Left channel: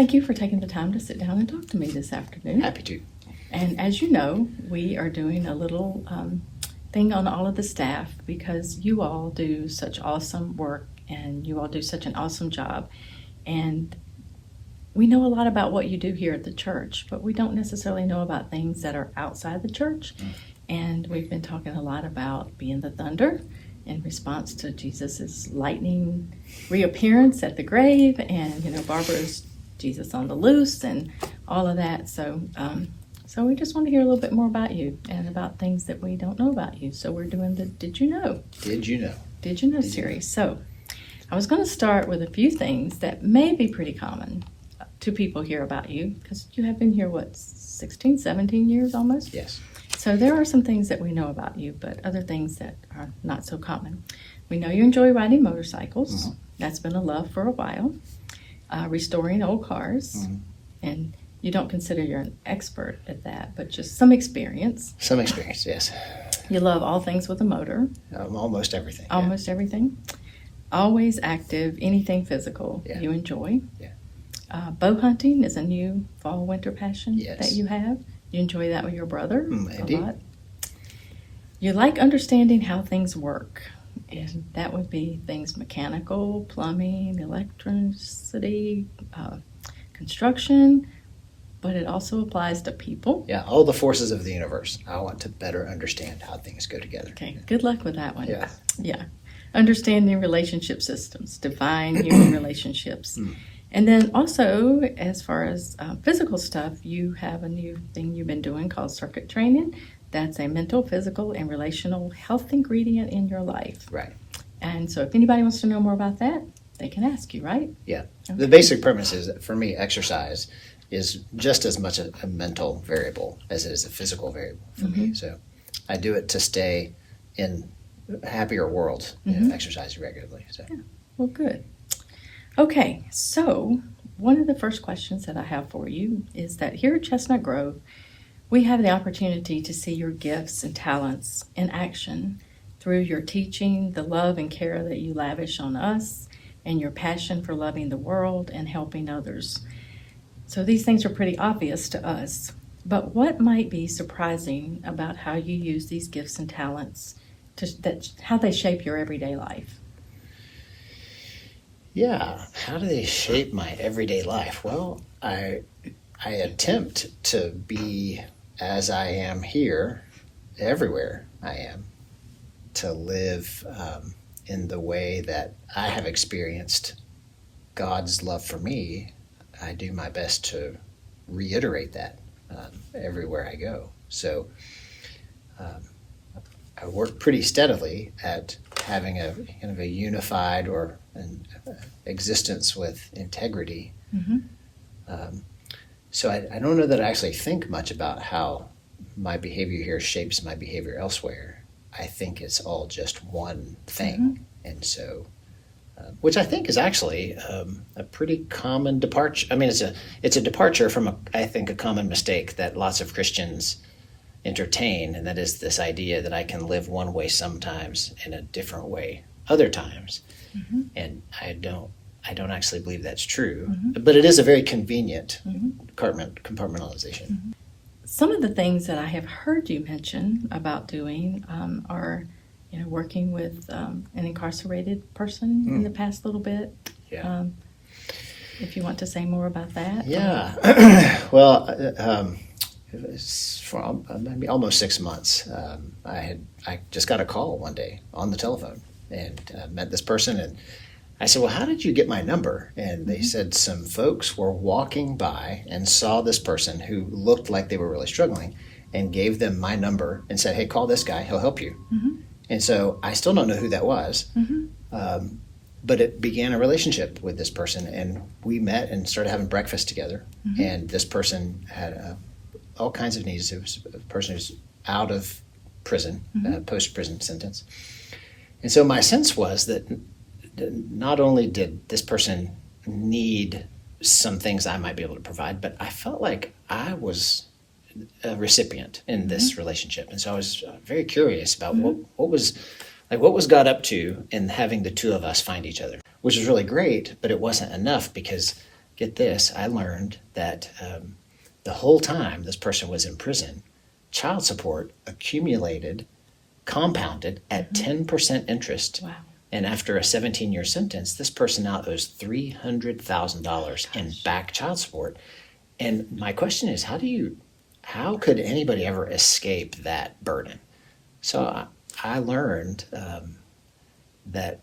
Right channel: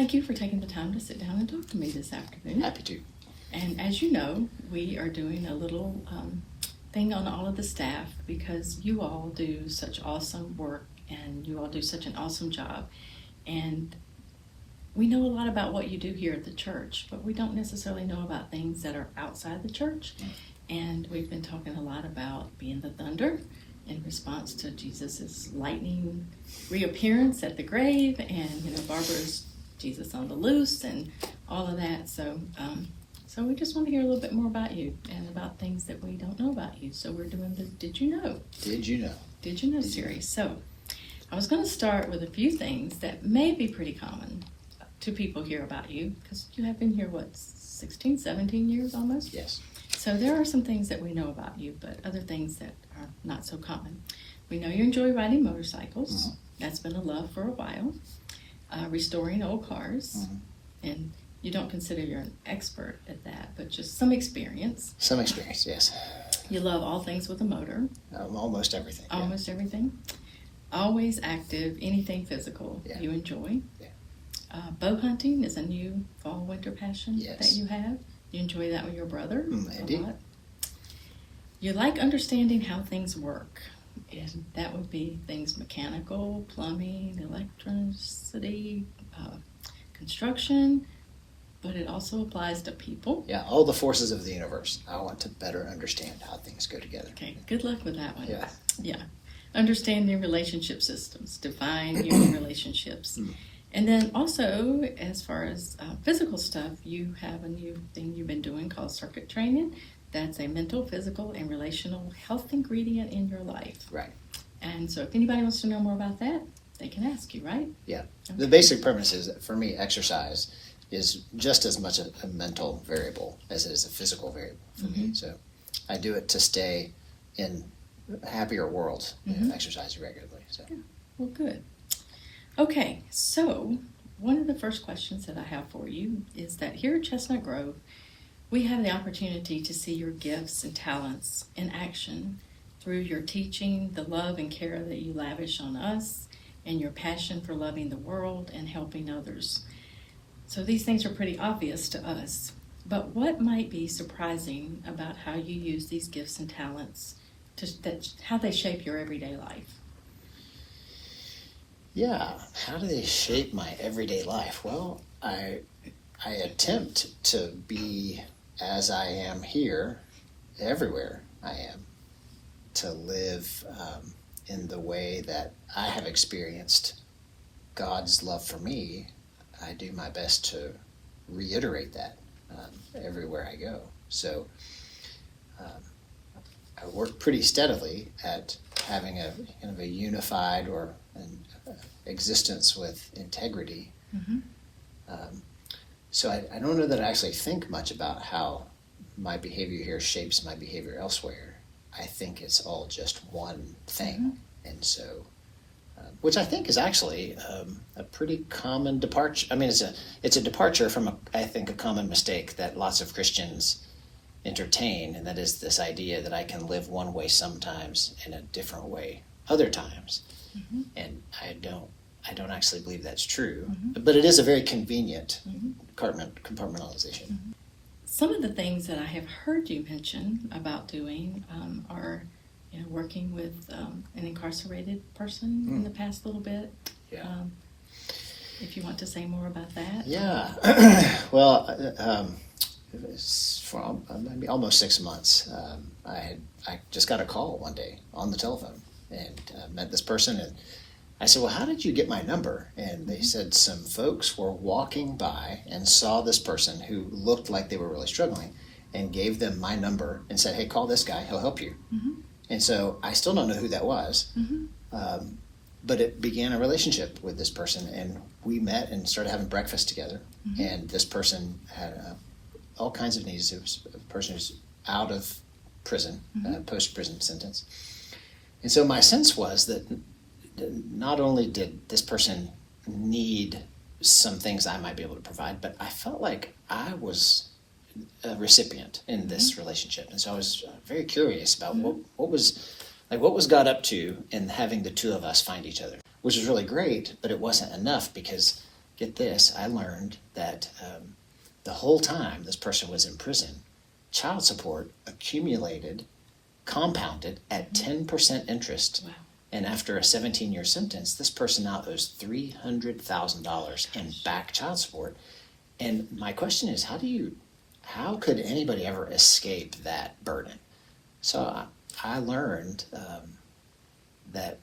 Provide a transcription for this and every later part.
Thank you for taking the time to sit down and talk to me this afternoon. Happy to. And as you know, we are doing a little thing on all of the staff because you all do such awesome work and you all do such an awesome job. And we know a lot about what you do here at the church, but we don't necessarily know about things that are outside the church. And we've been talking a lot about being the thunder in response to Jesus's lightning reappearance at the grave, and Barbara's Jesus on the loose and all of that. So we just want to hear a little bit more about you and about things that we don't know about you. So we're doing the Did You Know? Did you know? Did You Know series. So I was going to start with a few things that may be pretty common to people here about you, because you have been here, 16, 17 years almost? Yes. So there are some things that we know about you, but other things that are not so common. We know you enjoy riding motorcycles. Mm-hmm. That's been a love for a while. Restoring old cars. Mm-hmm. And you don't consider you're an expert at that, but just some experience. Some experience, yes. You love all things with a motor. Almost everything. Almost everything. Always active, anything physical you enjoy. Yeah. Bow hunting is a new fall-winter passion Yes. that you have. You enjoy that with your brother Indeed. a lot. You like understanding how things work. Yes. And that would be things mechanical, plumbing, electricity, construction, but it also applies to people. Yeah, all the forces of the universe. I want to better understand how things go together. Okay, good luck with that one. Yeah. Yeah. Understanding relationship systems, divine human relationships. And then also, as far as physical stuff, you have a new thing you've been doing called circuit training. That's a mental, physical, and relational health ingredient in your life. Right. And so if anybody wants to know more about that, they can ask you, right? Yeah. Okay. The basic premise is that for me, exercise is just as much a mental variable as it is a physical variable for me. So I do it to stay in a happier world, exercise regularly. So. Yeah. Well, good. Okay, so one of the first questions that I have for you is that here at Chestnut Grove, we have the opportunity to see your gifts and talents in action through your teaching, the love and care that you lavish on us, and your passion for loving the world and helping others. So these things are pretty obvious to us, but what might be surprising about how you use these gifts and talents, how they shape your everyday life? Yeah, how do they shape my everyday life? Well, I attempt to be as I am here, everywhere I am, to live in the way that I have experienced God's love for me. I do my best to reiterate that everywhere I go. So I work pretty steadily at having a kind of a unified or an existence with integrity. So I don't know that I actually think much about how my behavior here shapes my behavior elsewhere. I think it's all just one thing. And so, which I think is actually a pretty common departure. I mean, it's a departure from, I think, a common mistake that lots of Christians entertain, and that is this idea that I can live one way sometimes and a different way other times. And I don't actually believe that's true, but it is a very convenient compartmentalization. Some of the things that I have heard you mention about doing are, working with an incarcerated person in the past little bit. Yeah. If you want to say more about that. Yeah. Well, for maybe almost 6 months, I just got a call one day on the telephone and met this person, and I said, well, how did you get my number? And they said some folks were walking by and saw this person who looked like they were really struggling and gave them my number and said, hey, call this guy, he'll help you. And so I still don't know who that was, but it began a relationship with this person, and we met and started having breakfast together. And this person had all kinds of needs. It was a person who's out of prison, post-prison sentence. And so my sense was that not only did this person need some things I might be able to provide, but I felt like I was a recipient in this relationship. And so I was very curious about what was God up to in having the two of us find each other, which was really great, but it wasn't enough because get this, I learned that the whole time this person was in prison, child support accumulated, compounded at 10% interest. Wow. And after a 17-year sentence, this person now owes $300,000 in back child support. And my question is, how could anybody ever escape that burden? So I learned that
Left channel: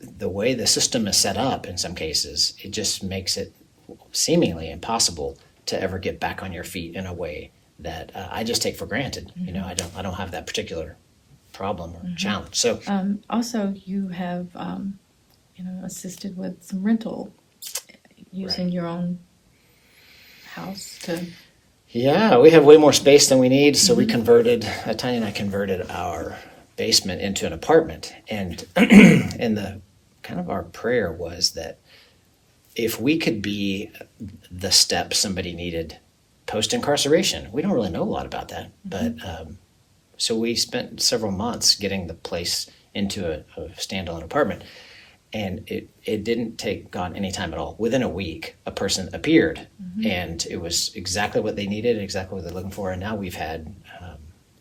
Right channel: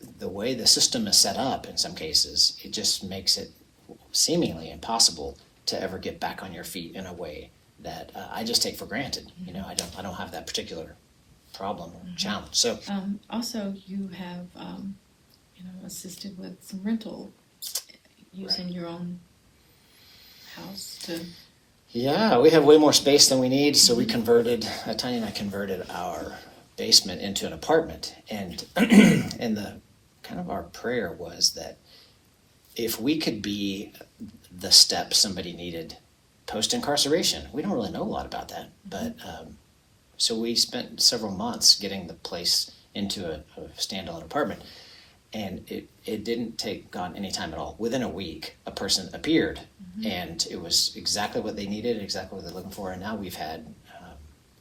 the way the system is set up in some cases, it just makes it seemingly impossible to ever get back on your feet in a way that I just take for granted. You know, I don't have that particular problem or challenge. So also, you have assisted with some rental using your own house to. Yeah, we have way more space than we need, so we converted. Tanya and I converted our basement into an apartment, and the kind of our prayer was that if we could be the step somebody needed post-incarceration. We don't really know a lot about that, but so we spent several months getting the place into a standalone apartment, and it didn't take God any time at all. Within a week, a person appeared, and it was exactly what they needed, exactly what they're looking for, and now we've had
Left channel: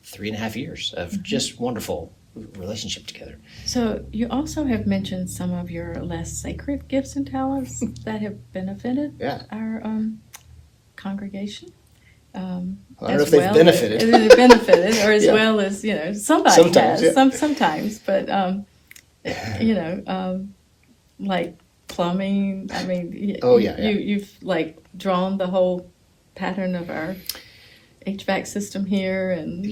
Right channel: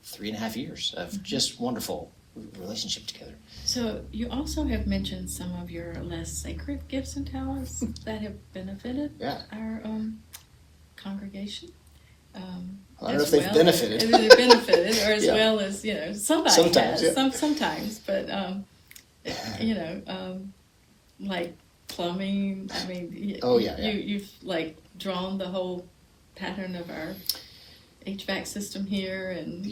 3.5 years of just wonderful relationship together. So you also have mentioned some of your less sacred gifts and talents that have benefited our congregation. I don't know if they've benefited. Or as well as, somebody sometimes, has. Sometimes, but, like plumbing, I mean, you've like drawn the whole pattern of our HVAC system here and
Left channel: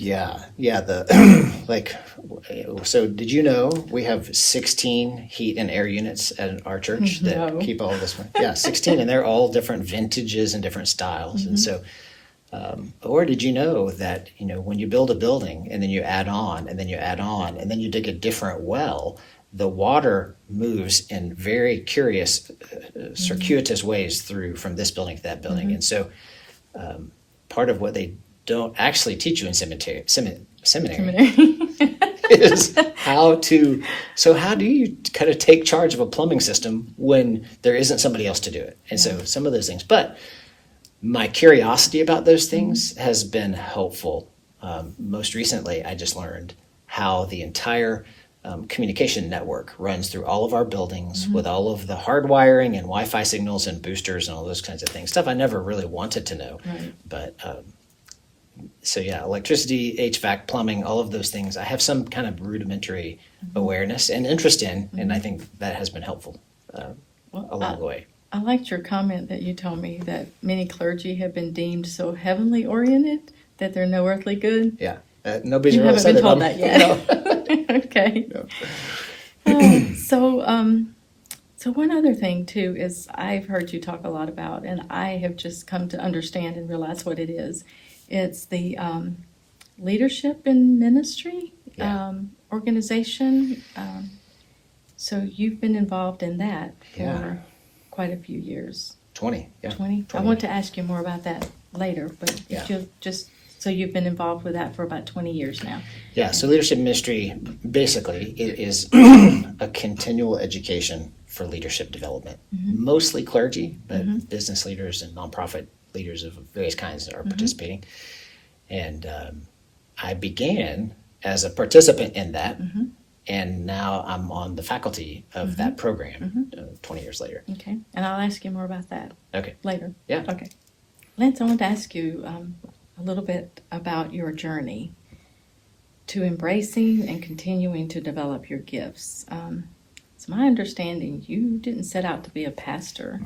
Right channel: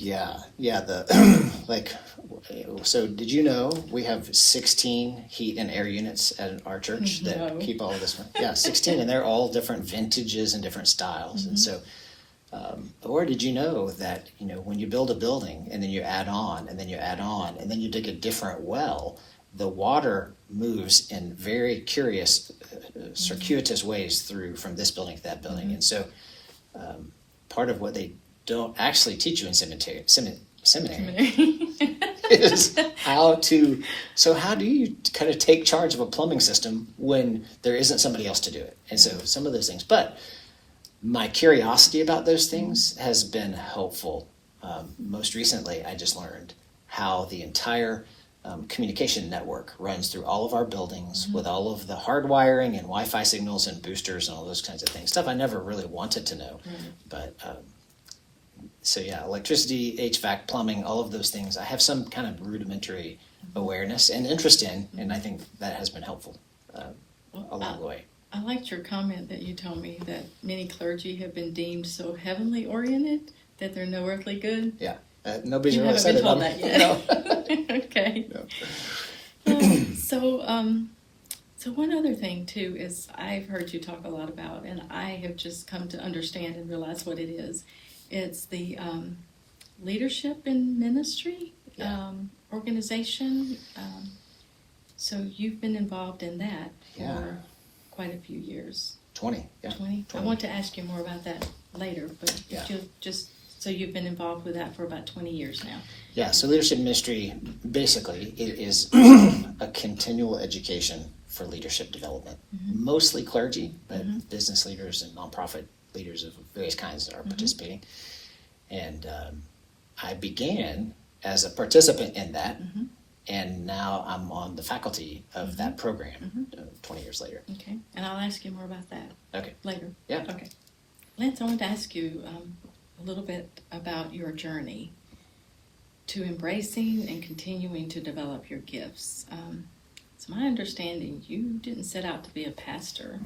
so did you know we have 16 heat and air units at our church that keep all of this? 16, and they're all different vintages and different styles. And so or did you know that when you build a building and then you add on and then you add on and then you dig a different well, the water moves in very curious circuitous ways through from this building to that building. And so part of what they don't actually teach you in seminary is how do you kind of take charge of a plumbing system when there isn't somebody else to do it? And so some of those things, but my curiosity about those things has been helpful. Most recently, I just learned how the entire communication network runs through all of our buildings with all of the hardwiring and Wi-Fi signals and boosters and all those kinds of things. Stuff I never really wanted to know. But so electricity, HVAC, plumbing, all of those things, I have some kind of rudimentary awareness and interest in, and I think that has been helpful along the way. I liked your comment that you told me that many clergy have been deemed so heavenly oriented that they're no earthly good. Yeah. Nobody's really said it on that yet. Okay. So one other thing too is I've heard you talk a lot about, and I have just come to understand and realize what it is. It's the leadership in ministry organization. So you've been involved in that for quite a few years. 20. 20? I want to ask you more about that later, but so you've been involved with that for about 20 years now. Yeah, so leadership ministry, basically, it is a continual education for leadership development. Mostly clergy, but business leaders and nonprofit leaders of various kinds are participating. And I began as a participant in that, and now I'm on the faculty of that program 20 years later. Okay, and I'll ask you more about that later. Yeah. Okay. Lance, I want to ask you a little bit about your journey to embracing and continuing to develop your gifts. It's my understanding you didn't set out to be a pastor.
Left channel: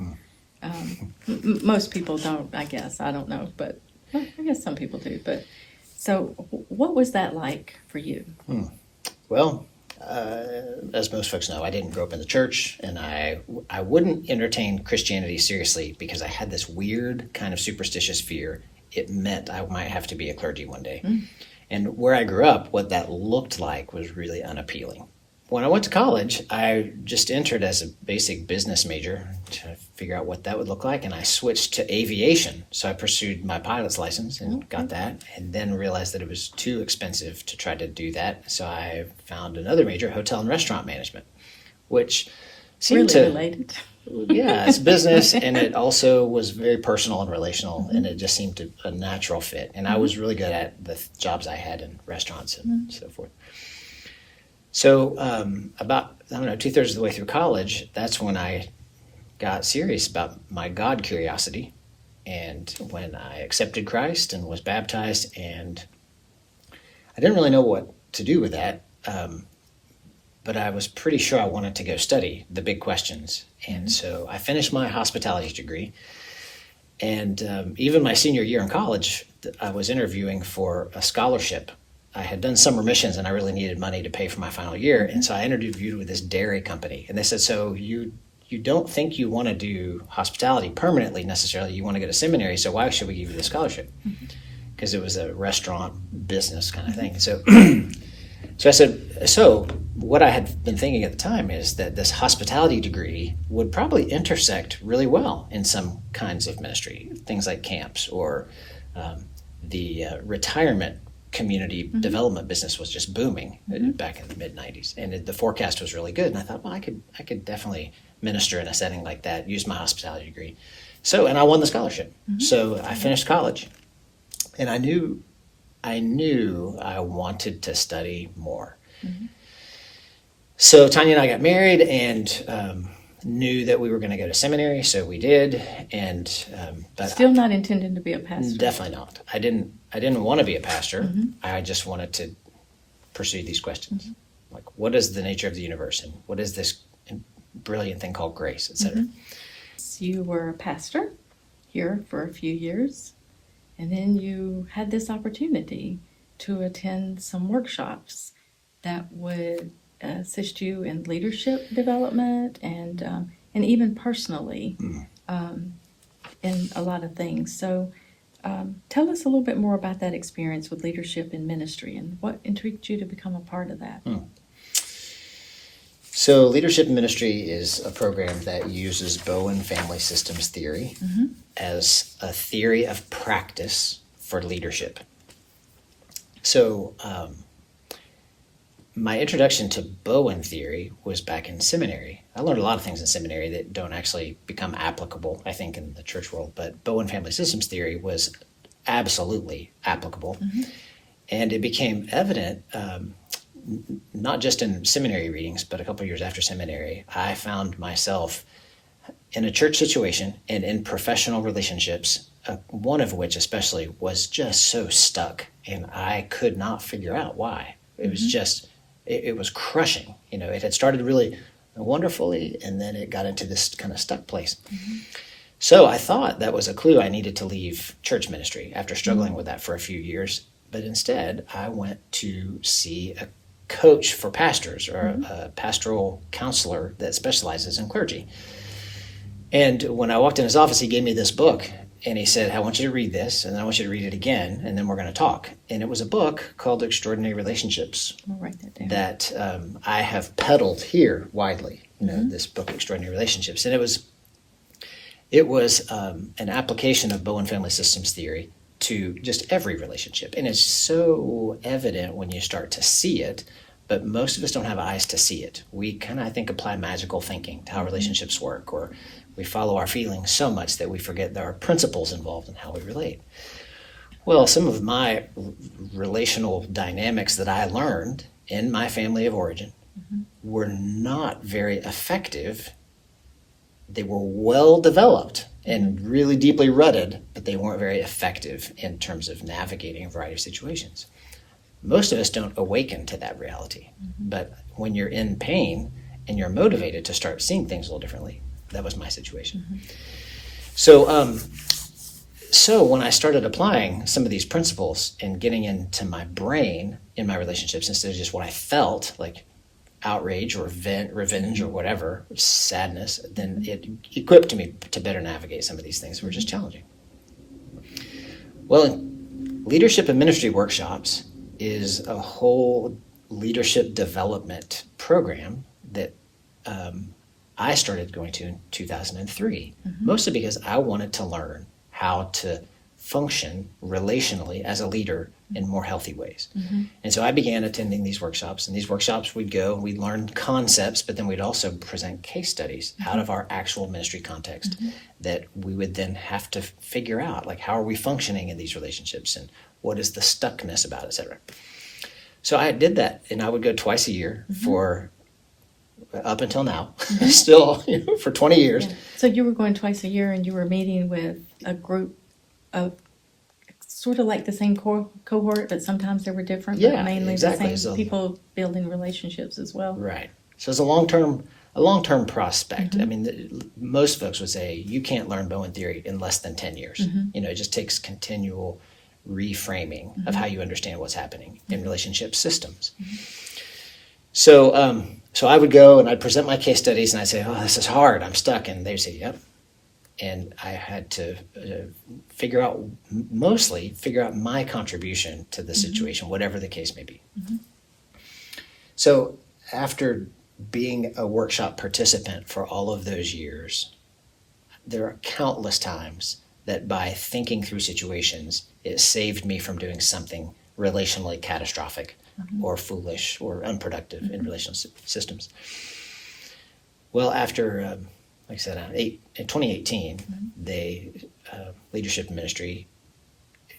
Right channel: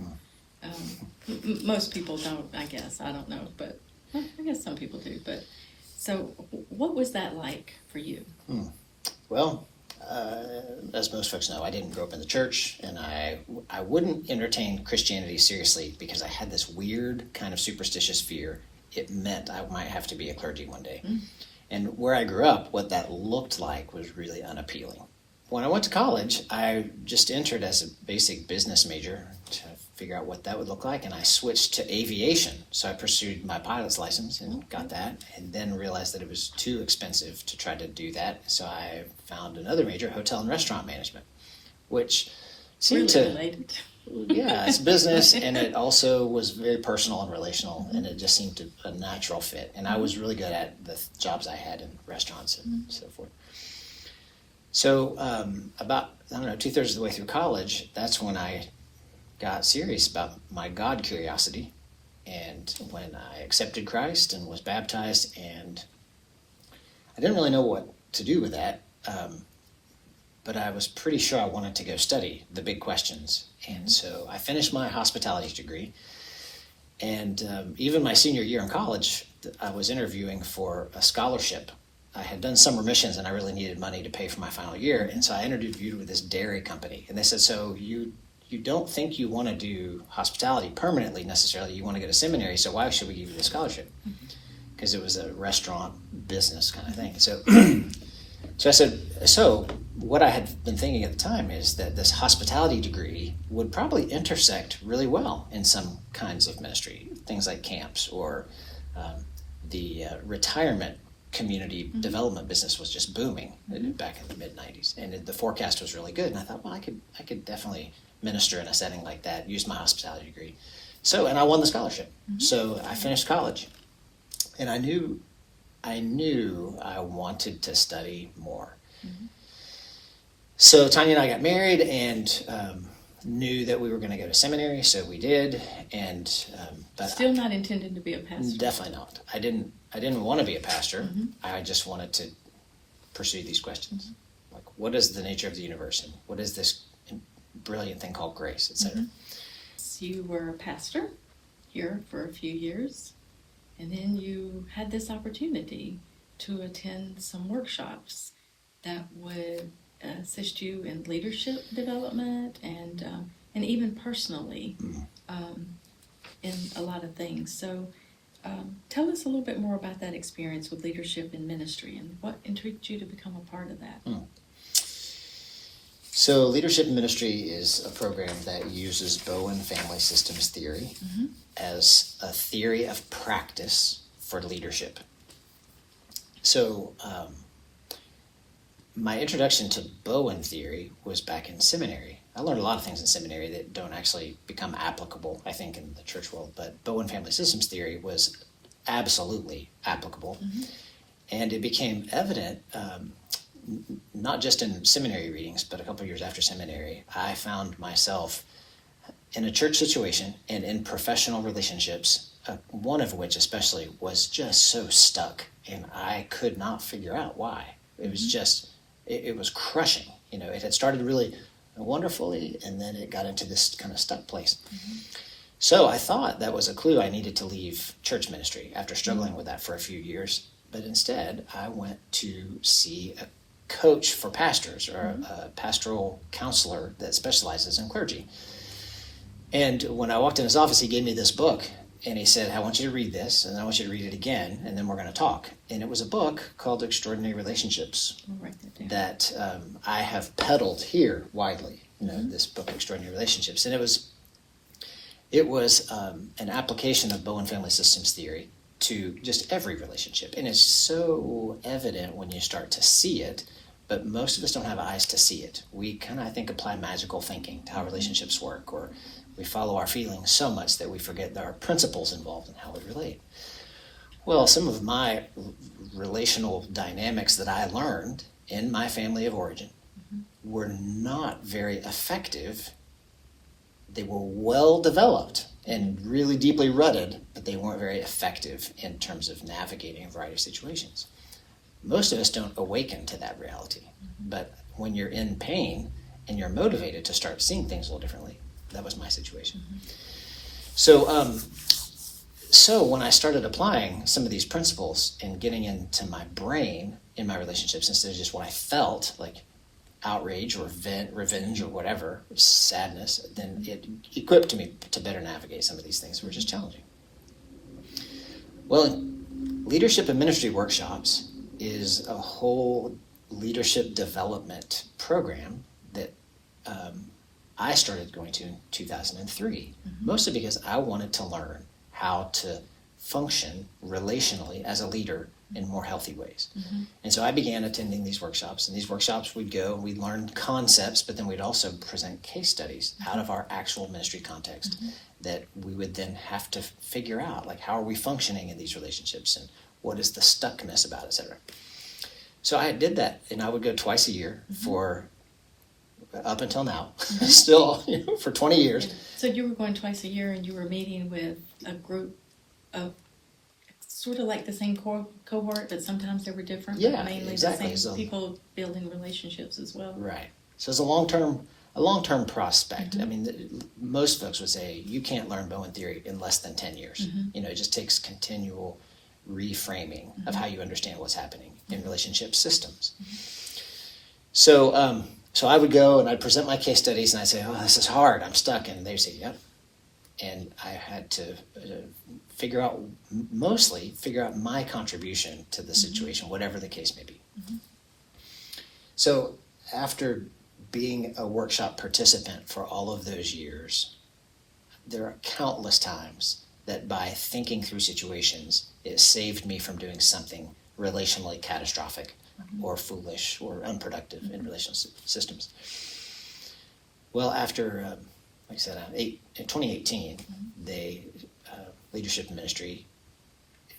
Most people don't, I guess. I don't know, but I guess some people do. But so what was that like for you? Well, as most folks know, I didn't grow up in the church, and I wouldn't entertain Christianity seriously because I had this weird kind of superstitious fear. It meant I might have to be a clergy one day. And where I grew up, what that looked like was really unappealing. When I went to college, I just entered as a basic business major to figure out what that would look like, and I switched to aviation. So I pursued my pilot's license and got that, and then realized that it was too expensive to try to do that. So I found another major, hotel and restaurant management, which seemed related. Yeah, it's business, and it also was very personal and relational, and it just seemed a natural fit. And I was really good at the jobs I had in restaurants and so forth. So about, I don't know, 2/3 of the way through college, that's when I got serious about my God curiosity, and when I accepted Christ and was baptized, and I didn't really know what to do with that. But I was pretty sure I wanted to go study the big questions. And so I finished my hospitality degree. And even my senior year in college, I was interviewing for a scholarship. I had done summer missions and I really needed money to pay for my final year. And so I interviewed with this dairy company. And they said, so you don't think you want to do hospitality permanently necessarily. You want to go to seminary. So why should we give you the scholarship? Because it was a restaurant business kind of thing. So I said, so what I had been thinking at the time is that this hospitality degree would probably intersect really well in some kinds of ministry, things like camps or the retirement community development business was just booming back in the mid-90s. And the forecast was really good. And I thought, well, I could definitely minister in a setting like that, use my hospitality degree. So, and I won the scholarship. So I finished college, and I knew I wanted to study more. So Tanya and I got married and knew that we were going to go to seminary, so we did. And but Still not intending to be a pastor. Definitely not. I didn't want to be a pastor. I just wanted to pursue these questions, like what is the nature of the universe, and what is this brilliant thing called grace, etc. You were a pastor here for a few years. And then you had this opportunity to attend some workshops that would assist you in leadership development and even personally in a lot of things. So tell us a little bit more about that experience with leadership in ministry and what intrigued you to become a part of that. So leadership in ministry is a program that uses Bowen family systems theory as a theory of practice for leadership. So my introduction to Bowen theory was back in seminary. I learned a lot of things in seminary that don't actually become applicable, I think, in the church world, but Bowen family systems theory was absolutely applicable. And it became evident not just in seminary readings, but a couple of years after seminary, I found myself in a church situation and in professional relationships, one of which especially was just so stuck, and I could not figure out why. It was just, it was crushing. You know, it had started really wonderfully, and then it got into this kind of stuck place. So I thought that was a clue I needed to leave church ministry after struggling with that for a few years. But instead, I went to see a coach for pastors or a pastoral counselor that specializes in clergy. And when I walked in his office, he gave me this book and he said, I want you to read this, and then I want you to read it again, and then we're going to talk. And it was a book called Extraordinary Relationships that I have peddled here widely, this book, Extraordinary Relationships. And it was an application of Bowen family systems theory to just every relationship. And it's so evident when you start to see it, but most of us don't have eyes to see it. We kind of, I think, apply magical thinking to how relationships work, or we follow our feelings so much that we forget there are principles involved in how we relate. Well, some of my relational dynamics that I learned in my family of origin were not very effective. They were well developed and really deeply rooted, but they weren't very effective in terms of navigating a variety of situations. Most of us don't awaken to that reality, but when you're in pain and you're motivated to start seeing things a little differently, that was my situation. So when I started applying some of these principles and getting into my brain in my relationships instead of just what I felt, like outrage or revenge or whatever, sadness, then it equipped me to better navigate some of these things that were just challenging. Well, in leadership and ministry workshops is a whole leadership development program that I started going to in 2003, mostly because I wanted to learn how to function relationally as a leader in more healthy ways. And so I began attending these workshops, and these workshops we'd go and we'd learn concepts, but then we'd also present case studies out of our actual ministry context that we would then have to figure out, like, how are we functioning in these relationships and what is the stuckness about, et cetera. So I did that, and I would go twice a year for up until now, still, for 20 years. Yeah. So you were going twice a year, and you were meeting with a group of sort of like the same cohort, but sometimes they were different. Yeah, but mainly exactly. The same people building relationships as well. Right. So it's a long-term prospect. I mean, most folks would say you can't learn Bowen theory in less than 10 years. It just takes continual reframing of how you understand what's happening in relationship systems. So, so I would go and I'd present my case studies and I'd say, oh, this is hard, I'm stuck. And they'd say, yep. And I had to figure out my contribution to the situation, whatever the case may be. So after being a workshop participant for all of those years, there are countless times that by thinking through situations, it saved me from doing something relationally catastrophic or foolish or unproductive in relational systems. Well, after, like I said, in 2018, the leadership ministry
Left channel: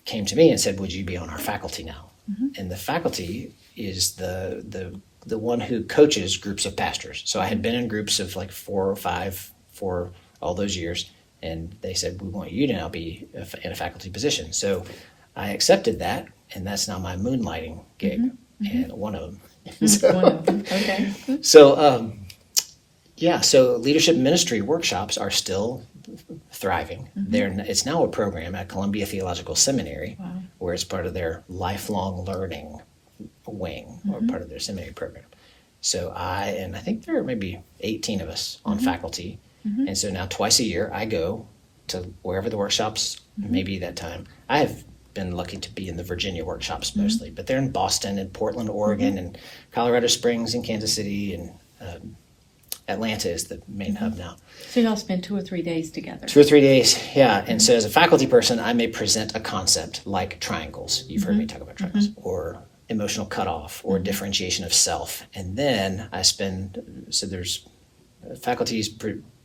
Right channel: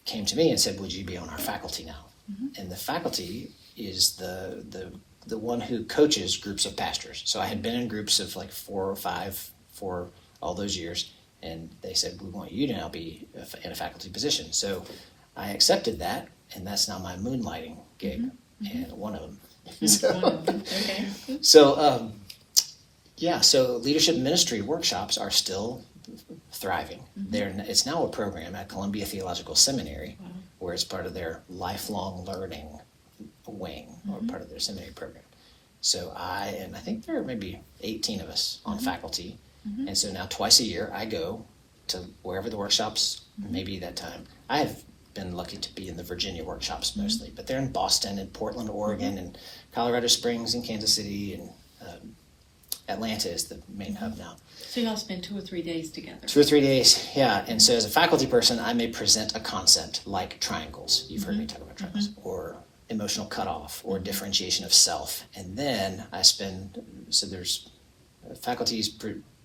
came to me and said, would you be on our faculty now? And the faculty is the one who coaches groups of pastors. So I had been in groups of like 4 or 5 for all those years, and they said, we want you to now be in a faculty position. So I accepted that, and that's now my moonlighting gig, and one of them. So so leadership ministry workshops are still thriving. It's now a program at Columbia Theological Seminary, where it's part of their lifelong learning wing, or part of their seminary program. So I think there are maybe 18 of us on faculty. And so now twice a year I go to wherever the workshops may be that time. I have been lucky to be in the Virginia workshops mostly, but they're in Boston and Portland, Oregon, and Colorado Springs and Kansas City, and Atlanta is the main hub now. So you all spend 2 or 3 days together. 2 or 3 days, yeah. And so as a faculty person, I may present a concept like triangles. You've heard me talk about triangles, or emotional cutoff, or differentiation of self. And then there's faculties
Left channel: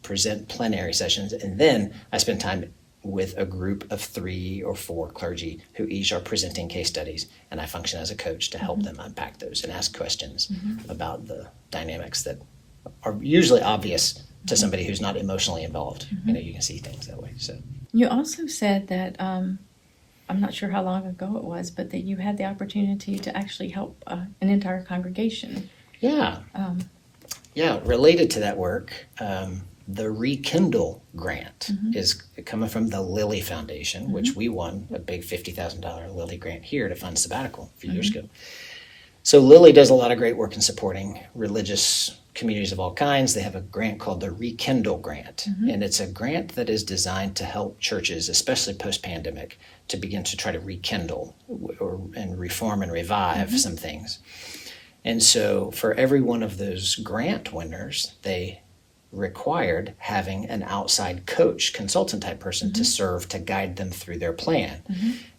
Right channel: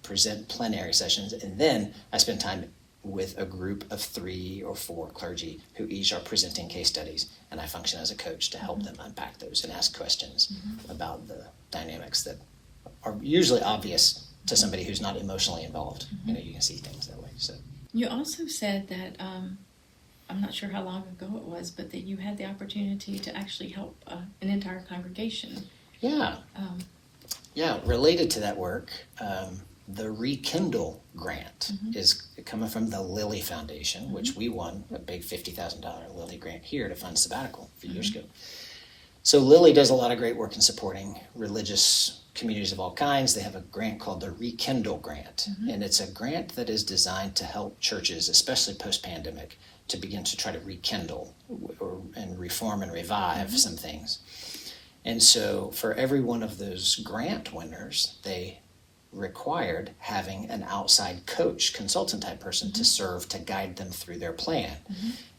present plenary sessions, and then I spend time with a group of 3 or 4 clergy who each are presenting case studies, and I function as a coach to help them unpack those and ask questions about the dynamics that are usually obvious to somebody who's not emotionally involved. You can see things that way. So you also said that I'm not sure how long ago it was, but that you had the opportunity to actually help an entire congregation. Yeah. Related to that work, the Rekindle grant is coming from the Lilly Foundation, which we won a big $50,000 Lilly grant here to fund sabbatical a few years ago. So Lilly does a lot of great work in supporting religious communities of all kinds. They have a grant called the Rekindle grant, and it's a grant that is designed to help churches, especially post-pandemic, to begin to try to rekindle and reform and revive some things. And so for every one of those grant winners, they required having an outside coach, consultant type person to serve to guide them through their plan.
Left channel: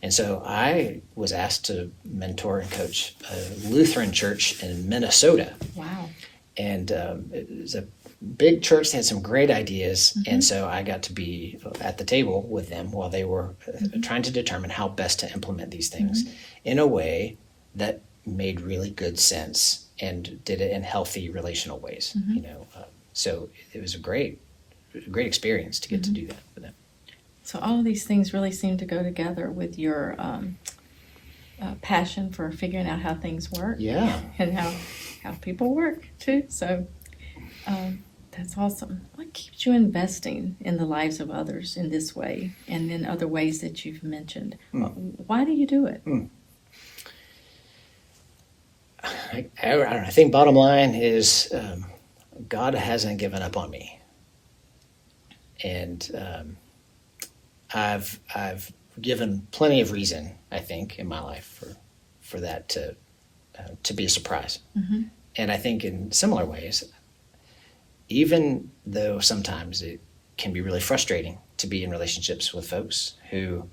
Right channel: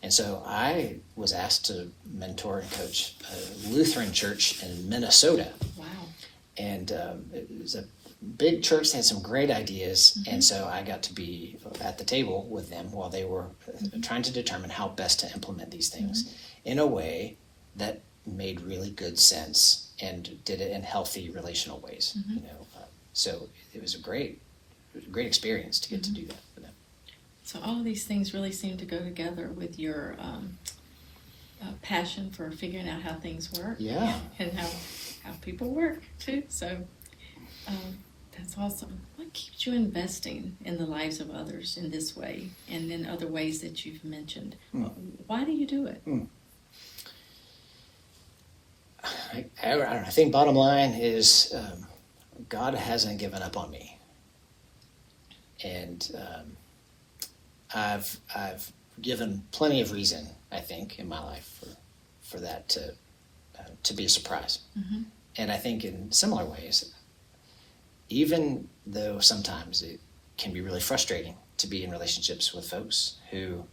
And so I was asked to mentor and coach a Lutheran church in Minnesota. Wow. And it was a big church. They had some great ideas. And so I got to be at the table with them while they were trying to determine how best to implement these things in a way that made really good sense and did it in healthy relational ways. So it was a great experience to get to do that with them. So all of these things really seem to go together with your passion for figuring out how things work. Yeah. And how people work too. So that's awesome. What keeps you investing in the lives of others in this way and in other ways that you've mentioned? Why do you do it? I don't know. I think bottom line is God hasn't given up on me. And I've given plenty of reason, I think, in my life for that to be a surprise. And I think in similar ways, even though sometimes it can be really frustrating to be in relationships with folks who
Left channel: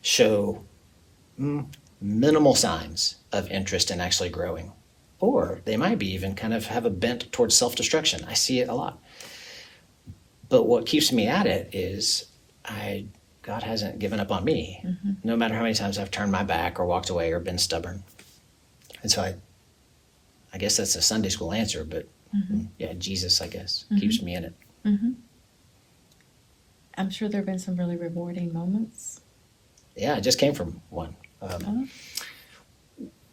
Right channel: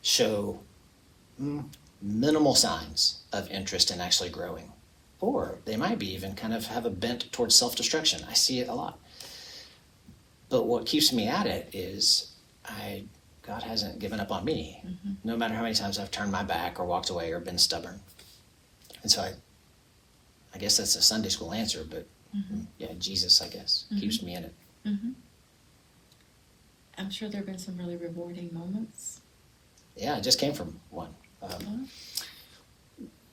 show minimal signs of interest in actually growing. Or they might be even kind of have a bent towards self-destruction. I see it a lot. But what keeps me at it is God hasn't given up on me, no matter how many times I've turned my back or walked away or been stubborn. And so I guess that's a Sunday school answer, but yeah, Jesus, I guess, keeps me in it. I'm sure there have been some really rewarding moments. Yeah, I just came from one.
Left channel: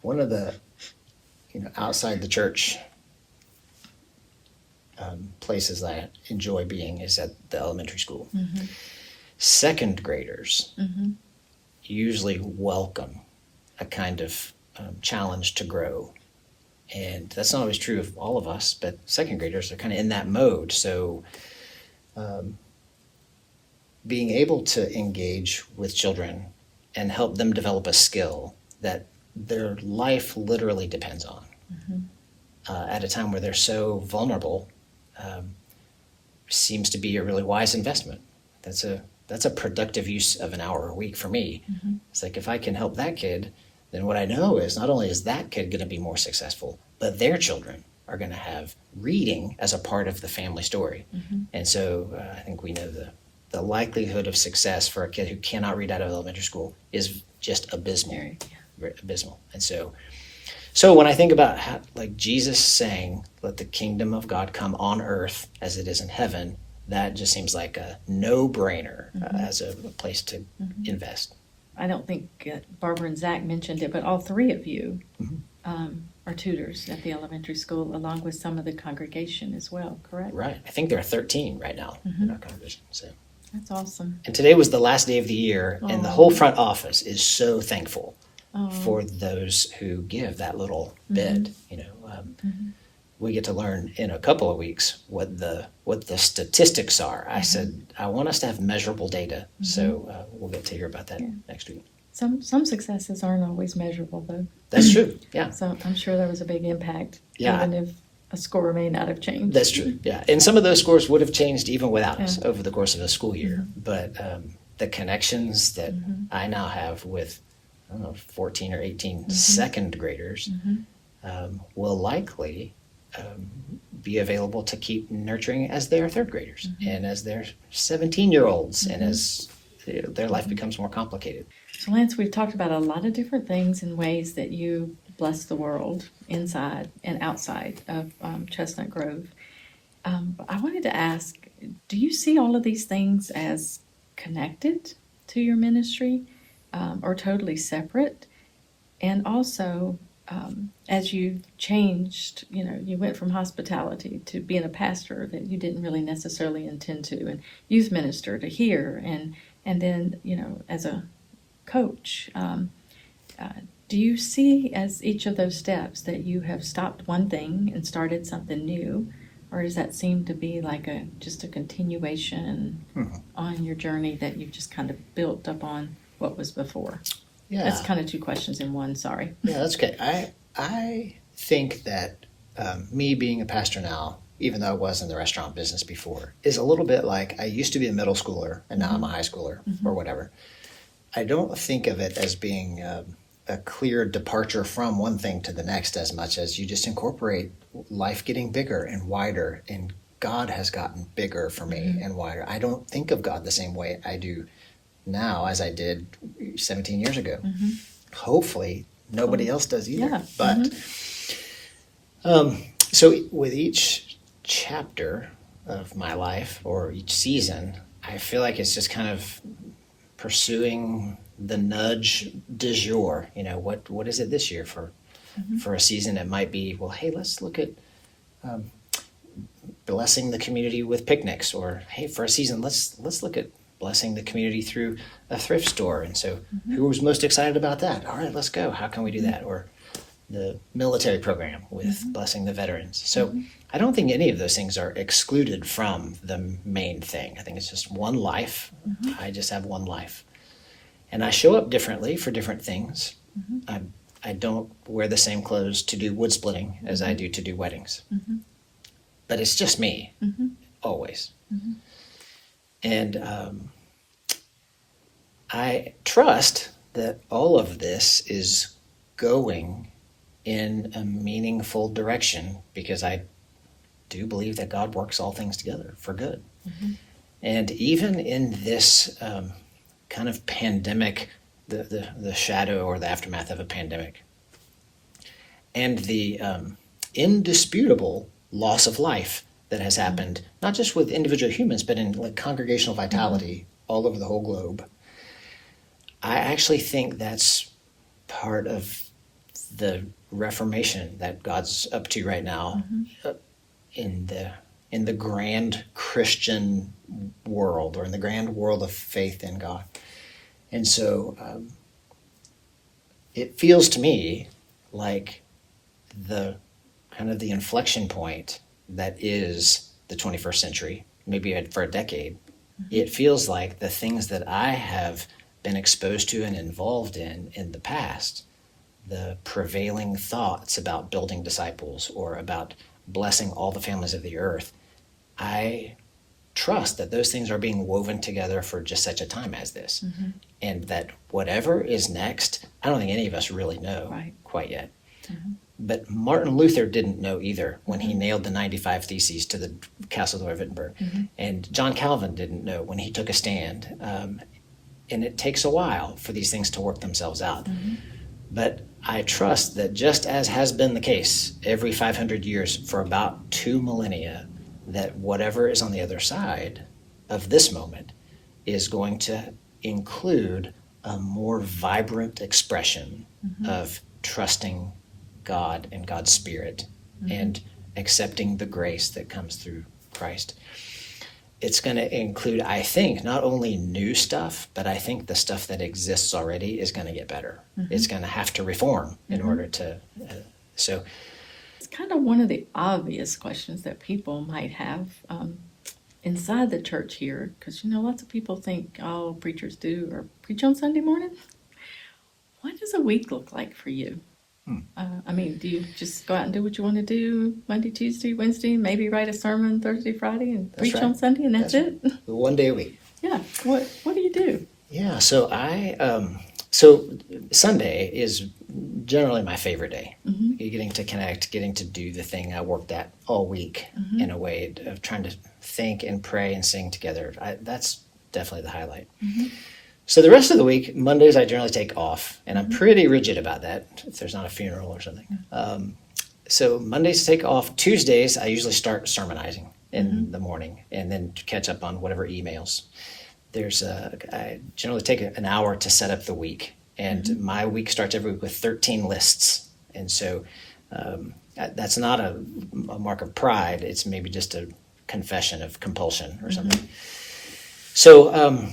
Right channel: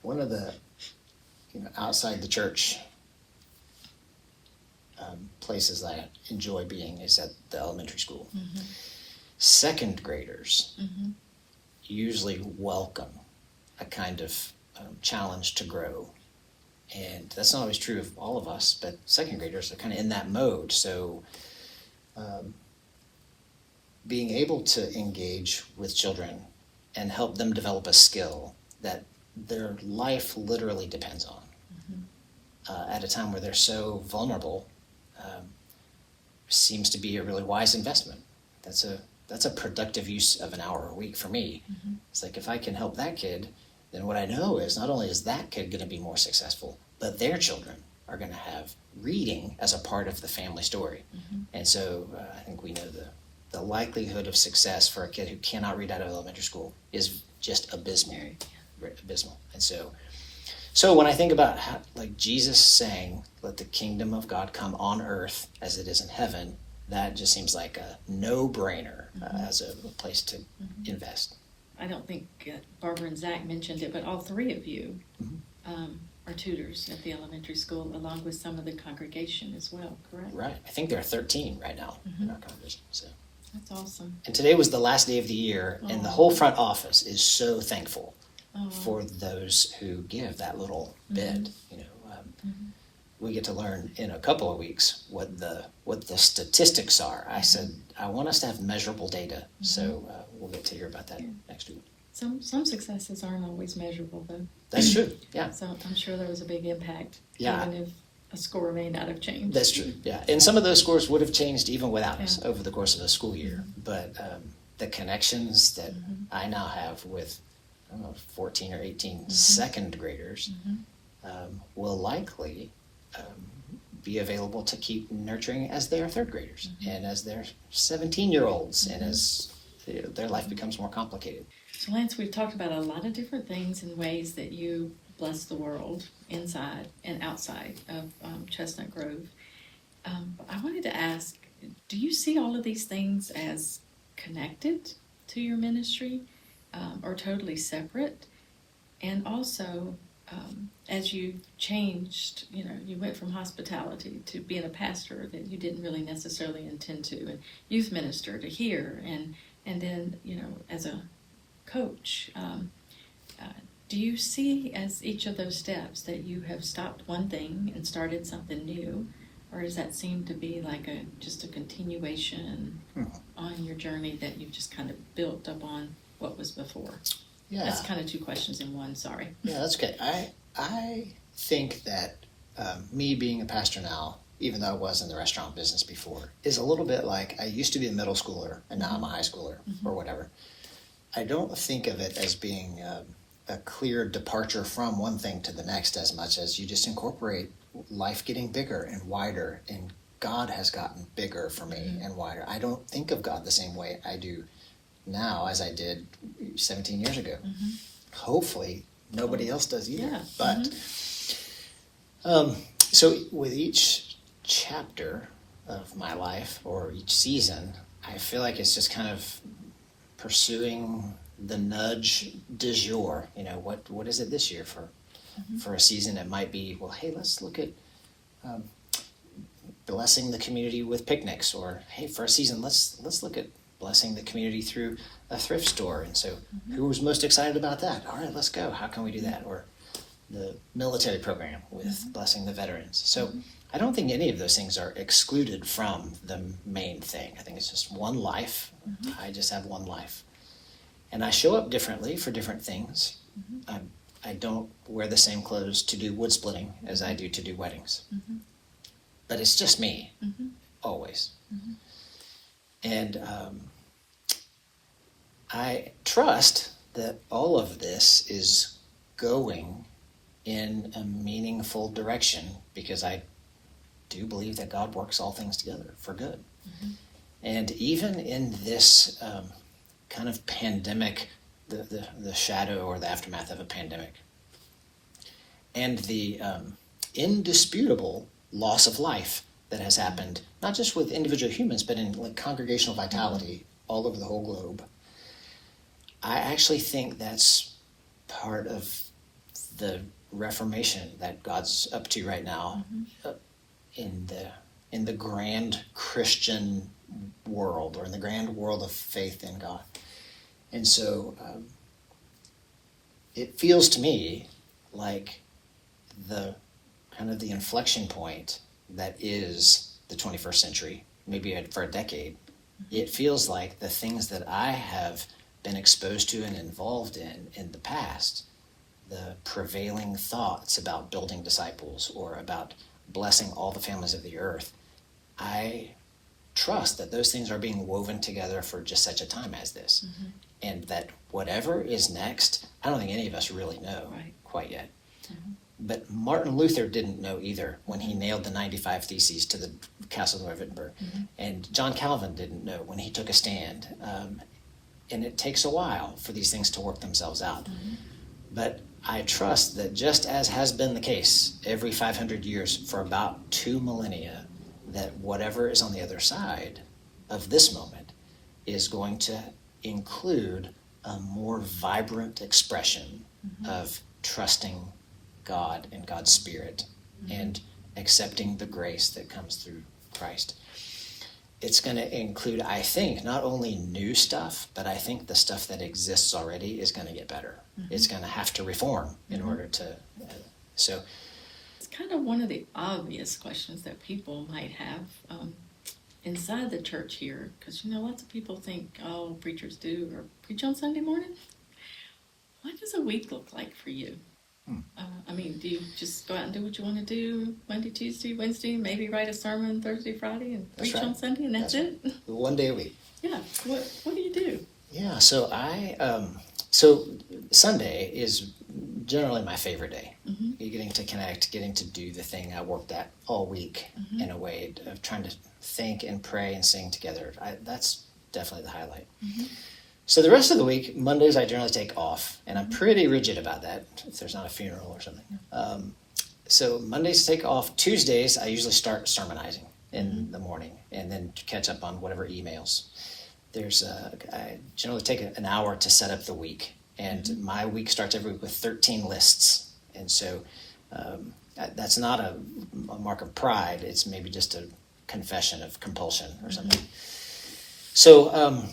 One of the, outside the church places that I enjoy being is at the elementary school. Second graders usually welcome a kind of challenge to grow. And that's not always true of all of us, but second graders are kind of in that mode. So being able to engage with children and help them develop a skill that their life literally depends on at a time where they're so vulnerable seems to be a really wise investment. That's a productive use of an hour a week for me. It's like, if I can help that kid, then what I know is not only is that kid going to be more successful, but their children are going to have reading as a part of the family story. And so I think we know the likelihood of success for a kid who cannot read out of elementary school is just abysmal. And so when I think about how, like Jesus saying, let the kingdom of God come on earth as it is in heaven, that just seems like a no-brainer as a place to invest. I don't think Barbara and Zach mentioned it, but all three of you are tutors at the elementary school, along with some of the congregation as well, correct? Right. I think there are 13 right now in our congregation. So that's awesome. And today was the last day of the year, and the whole front office is so thankful for those who give that little bit. We get to learn in a couple of weeks what the statistics are. I said I want us to have measurable data, so we'll get to hear about that next week. Some successes aren't always measurable, though. That's true. Yeah. So I'm sure there was a big impact, Yeah. even if a score may not have changed. That's true. Yeah, and some of those scores would have changed even without us over the course of a school year. But the connections that I now have with 14 or 18 second graders will likely be available to keep nurturing as they are third graders and as they're 17-year-olds and as their life becomes more complicated. So Lance, we've talked about a lot of different things and ways that you bless the world inside and outside of Chestnut Grove. But I wanted to ask, do you see all of these things as connected to your ministry or totally separate? And also, as you changed, you went from hospitality to being a pastor that you didn't really necessarily intend to, and youth minister to here, and then, as a coach, do you see as each of those steps that you have stopped one thing and started something new, or does that seem to be like just a continuation on your journey that you've just kind of built up on what was before? Yeah. That's kind of two questions in one, sorry. Yeah, that's okay. I think that me being a pastor now, even though I was in the restaurant business before, is a little bit like I used to be a middle schooler and now I'm a high schooler or whatever. I don't think of it as being a clear departure from one thing to the next as much as you just incorporate life getting bigger and wider, and God has gotten bigger for me and wider. I don't think of God the same way I do now as I did 17 years ago. Hopefully nobody else does either. Yeah. But so with each chapter of my life or each season, I feel like it's just kind of pursuing the nudge du jour. What is it this year for a season? It might be, well, hey, let's look at blessing the community with picnics, or hey, for a season, let's look at blessing the community through a thrift store. And so who was most excited about that? All right, let's go. How can we do that? Or the military program with blessing the veterans. So I don't think any of those things are excluded from the main thing. I think it's just one life. I just have one life. And I show up differently for different things. I don't wear the same clothes to do wood splitting as I do to do weddings. But it's just me, always. And I trust that all of this is going in a meaningful direction, because I do believe that God works all things together for good. Mm-hmm. And even in this kind of pandemic, the shadow or the aftermath of a pandemic, and the indisputable loss of life that has happened, not just with individual humans, but in like congregational vitality all over the whole globe, I actually think that's part of the reformation that God's up to right now, in the grand Christian world, or in the grand world of faith in God. And so it feels to me like the kind of the inflection point that is the 21st century, maybe for a decade. It feels like the things that I have been exposed to and involved in the past, the prevailing thoughts about building disciples or about blessing all the families of the earth, I trust that those things are being woven together for just such a time as this. Mm-hmm. And that whatever is next, I don't think any of us really know quite yet. Mm-hmm. But Martin Luther didn't know either when he nailed the 95 Theses to the castle door of Wittenberg. Mm-hmm. And John Calvin didn't know when he took a stand. And it takes a while for these things to work themselves out. Mm-hmm. But I trust that, just as has been the case every 500 years for about 2 millennia, that whatever is on the other side of this moment is going to include a more vibrant expression of trusting God and God's Spirit and accepting the grace that comes through Christ. It's going to include, I think, not only new stuff, but I think the stuff that exists already is going to get better. Mm-hmm. It's going to have to reform in order to... so it's kind of one of the obvious questions that people might have inside the church here, because, lots of people think, oh, preachers do or preach on Sunday morning. What does a week look like for you? Do you just go out and do what you want to do Monday, Tuesday, Wednesday, maybe write a sermon Thursday, Friday, and preach on Sunday, and that's it? One day a week. Yeah. What do you do? Yeah, so so Sunday is generally my favorite day. Mm-hmm. Getting to connect, getting to do the thing I worked at all week in a way of trying to think and pray and sing together. That's definitely the highlight. Mm-hmm. So the rest of the week, Mondays I generally take off, and I'm pretty rigid about that if there's not a funeral or something. So Mondays take off. Tuesdays I usually start sermonizing in the morning and then catch up on whatever emails. I generally take an hour to set up the week, and my week starts every week with 13 lists. And so that's not a mark of pride. It's maybe just a confession of compulsion or something. So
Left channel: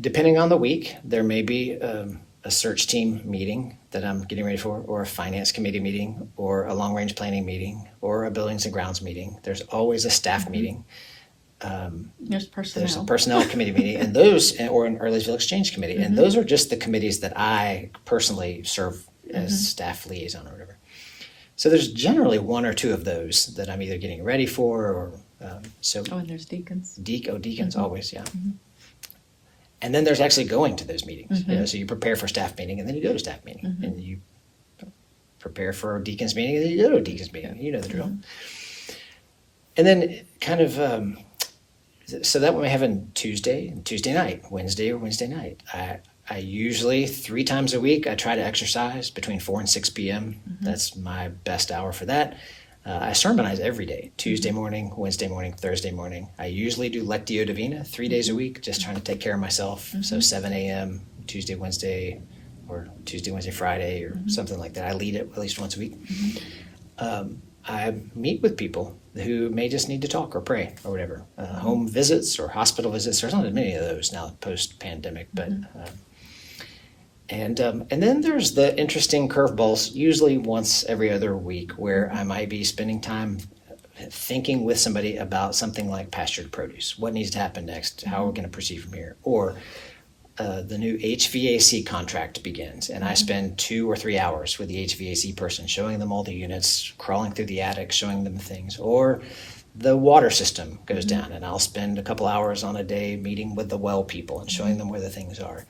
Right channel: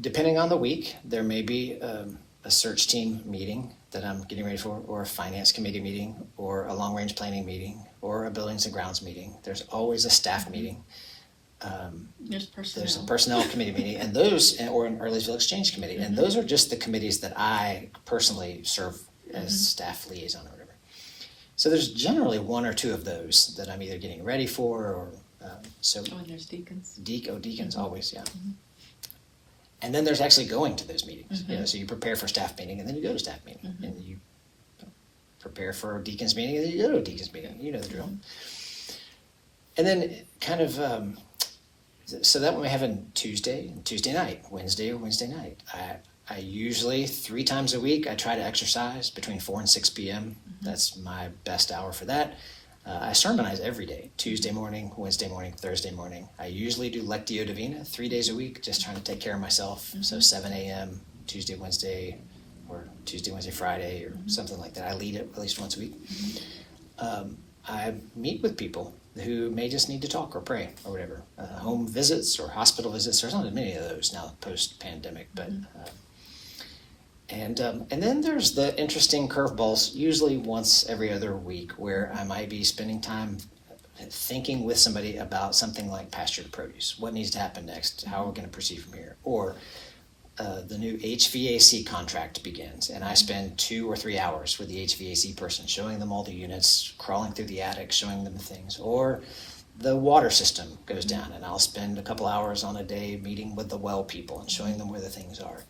depending on the week, there may be a search team meeting that I'm getting ready for, or a finance committee meeting, or a long-range planning meeting, or a buildings and grounds meeting. There's always a staff meeting. There's personnel. There's a personnel committee meeting, and those, or an Earlysville Exchange committee, and those are just the committees that I personally serve as staff liaison or whatever. So there's generally one or two of those that I'm either getting ready for, or and there's deacons. Deacons always, yeah. And then there's actually going to those meetings. So you prepare for staff meeting, and then you go to staff meeting, and you prepare for a deacons meeting, and then you go to a deacons meeting. You know the drill. And then kind of, so that we have on Tuesday and Tuesday night, Wednesday or Wednesday night. I usually 3 times a week I try to exercise between 4 and 6 p.m. That's my best hour for that. I sermonize every day, Tuesday morning, Wednesday morning, Thursday morning. I usually do Lectio Divina 3 days a week, just trying to take care of myself. So 7 a.m., Tuesday, Wednesday, or Tuesday, Wednesday, Friday, or something like that. I lead it at least once a week. I meet with people who may just need to talk or pray or whatever. Home visits or hospital visits. There's not as many of those now post-pandemic, but... And then there's the interesting curveballs, usually once every other week, where I might be spending time thinking with somebody about something like pastured produce. What needs to happen next? How are we going to proceed from here? Or the new HVAC contract begins, and I spend 2 or 3 hours with the HVAC person, showing them all the units, crawling through the attic, showing them things. Or the water system goes down, and I'll spend a couple hours on a day meeting with the well people and showing them where the things are.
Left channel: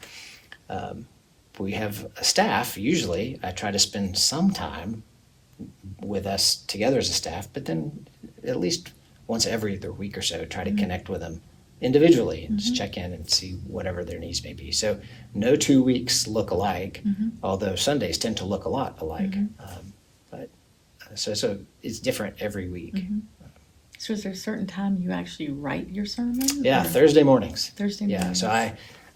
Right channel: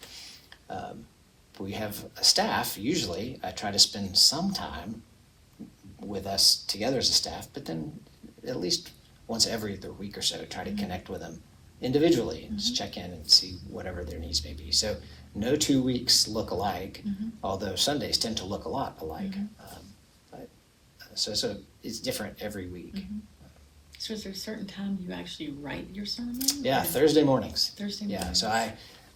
we have a staff. Usually I try to spend some time with us together as a staff, but then at least once every other week or so, try to connect with them individually and just check in and see whatever their needs may be. So no 2 weeks look alike, although Sundays tend to look a lot alike. So it's different every week. So is there a certain time you actually write your sermon? Yeah, or? Thursday mornings. Thursday Yeah, mornings. so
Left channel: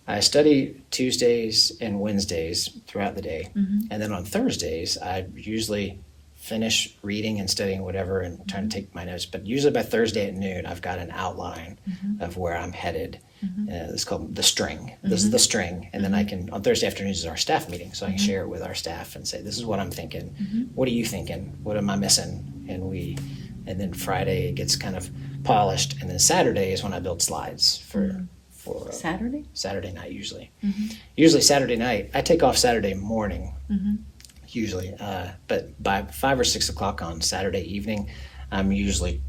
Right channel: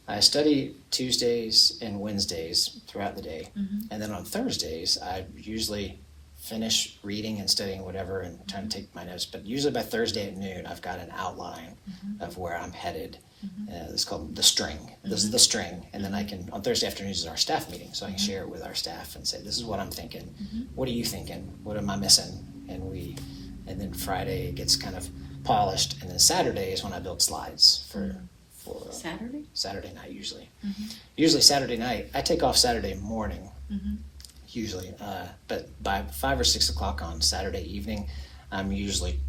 I study Tuesdays and Wednesdays throughout the day. And then on Thursdays, I usually finish reading and studying whatever and trying to take my notes. But usually by Thursday at noon, I've got an outline of where I'm headed. It's called the string. This is the string. And then I can, on Thursday afternoons is our staff meeting. So I can share it with our staff and say, this is what I'm thinking. What are you thinking? What am I missing? And then Friday it gets kind of polished. And then Saturday is when I build slides for Saturday night usually. Usually Saturday night, I take off Saturday morning. Usually, but by 5 or 6 o'clock on Saturday evening, I'm usually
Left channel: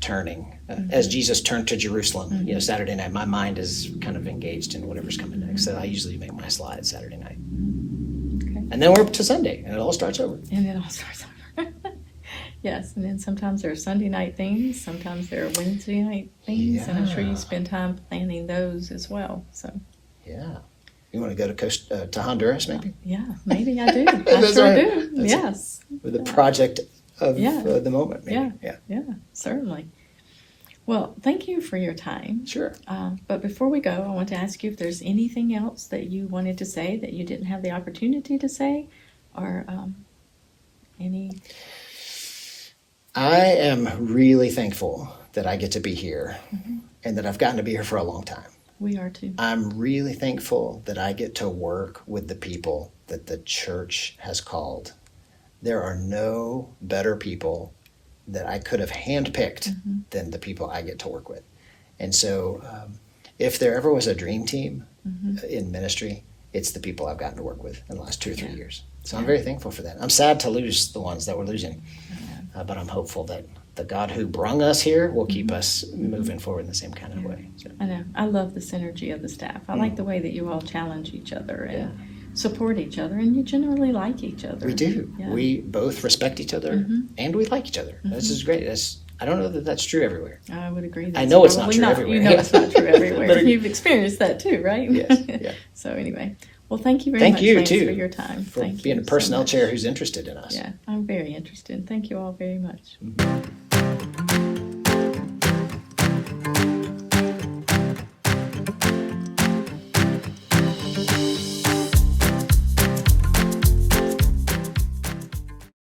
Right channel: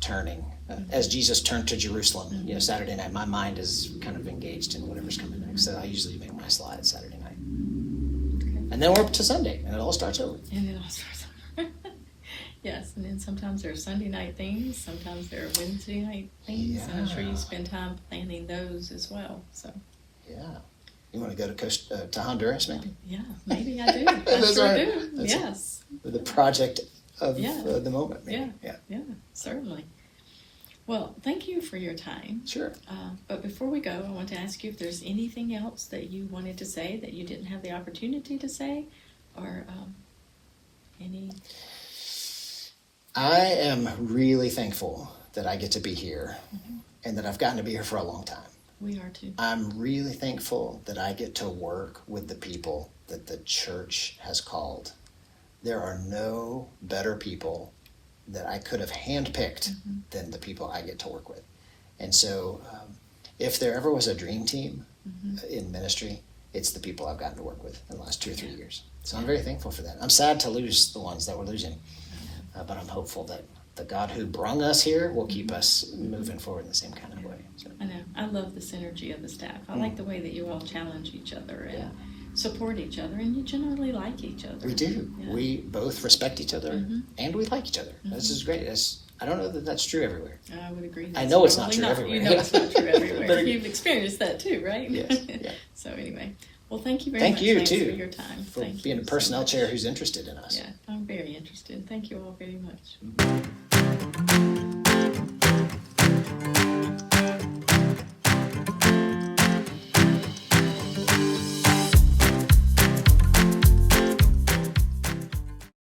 turning. As Jesus turned to Jerusalem, Saturday night, my mind is kind of engaged in whatever's coming next. So I usually make my slides Saturday night. Okay. And then we're up to Sunday, and it all starts over. And it all starts over. Yes, and then sometimes there are Sunday night things, sometimes there are Wednesday night things, and I'm sure you spend time planning those as well. So. Yeah. You want to go to Honduras, maybe? Yeah, maybe I do. I sure do. Yes. With the project of the moment, maybe. Yeah, certainly. Well, thank you for your time. Sure. But before we go, I want to ask you if there's anything else that you wanted to say that you didn't have the opportunity to say, or any... I am really thankful that I get to be here and that I've gotten to be here for a long time. We are too. I'm really thankful that I get to work with the people that the church has called. There are no better people that I could have handpicked than the people I get to work with. And so if there ever was a dream team in ministry, it's the people I've gotten to work with in the last 2 or 3 years. So I'm very thankful for that. I'm sad to lose the ones that we're losing, but I'm hopeful that the God who brung us here will keep us moving forward in the same kind of way. So. I know. I love the synergy of the staff. I like the way that you all challenge each other and support each other, and you generally like each other. We do. Yeah. We both respect each other, and we like each other. This is great. I don't know that that's true everywhere. I would agree. I know it's not true everywhere. You know it's not true everywhere. You've experienced that too, right? Yes. Yeah. So anyway, well, thank you very much. Thank you, Thanks too, for your time. for Thank being you a personnel so much. chair who's interested in us. Yeah, I'm very interested. Thank you all very much.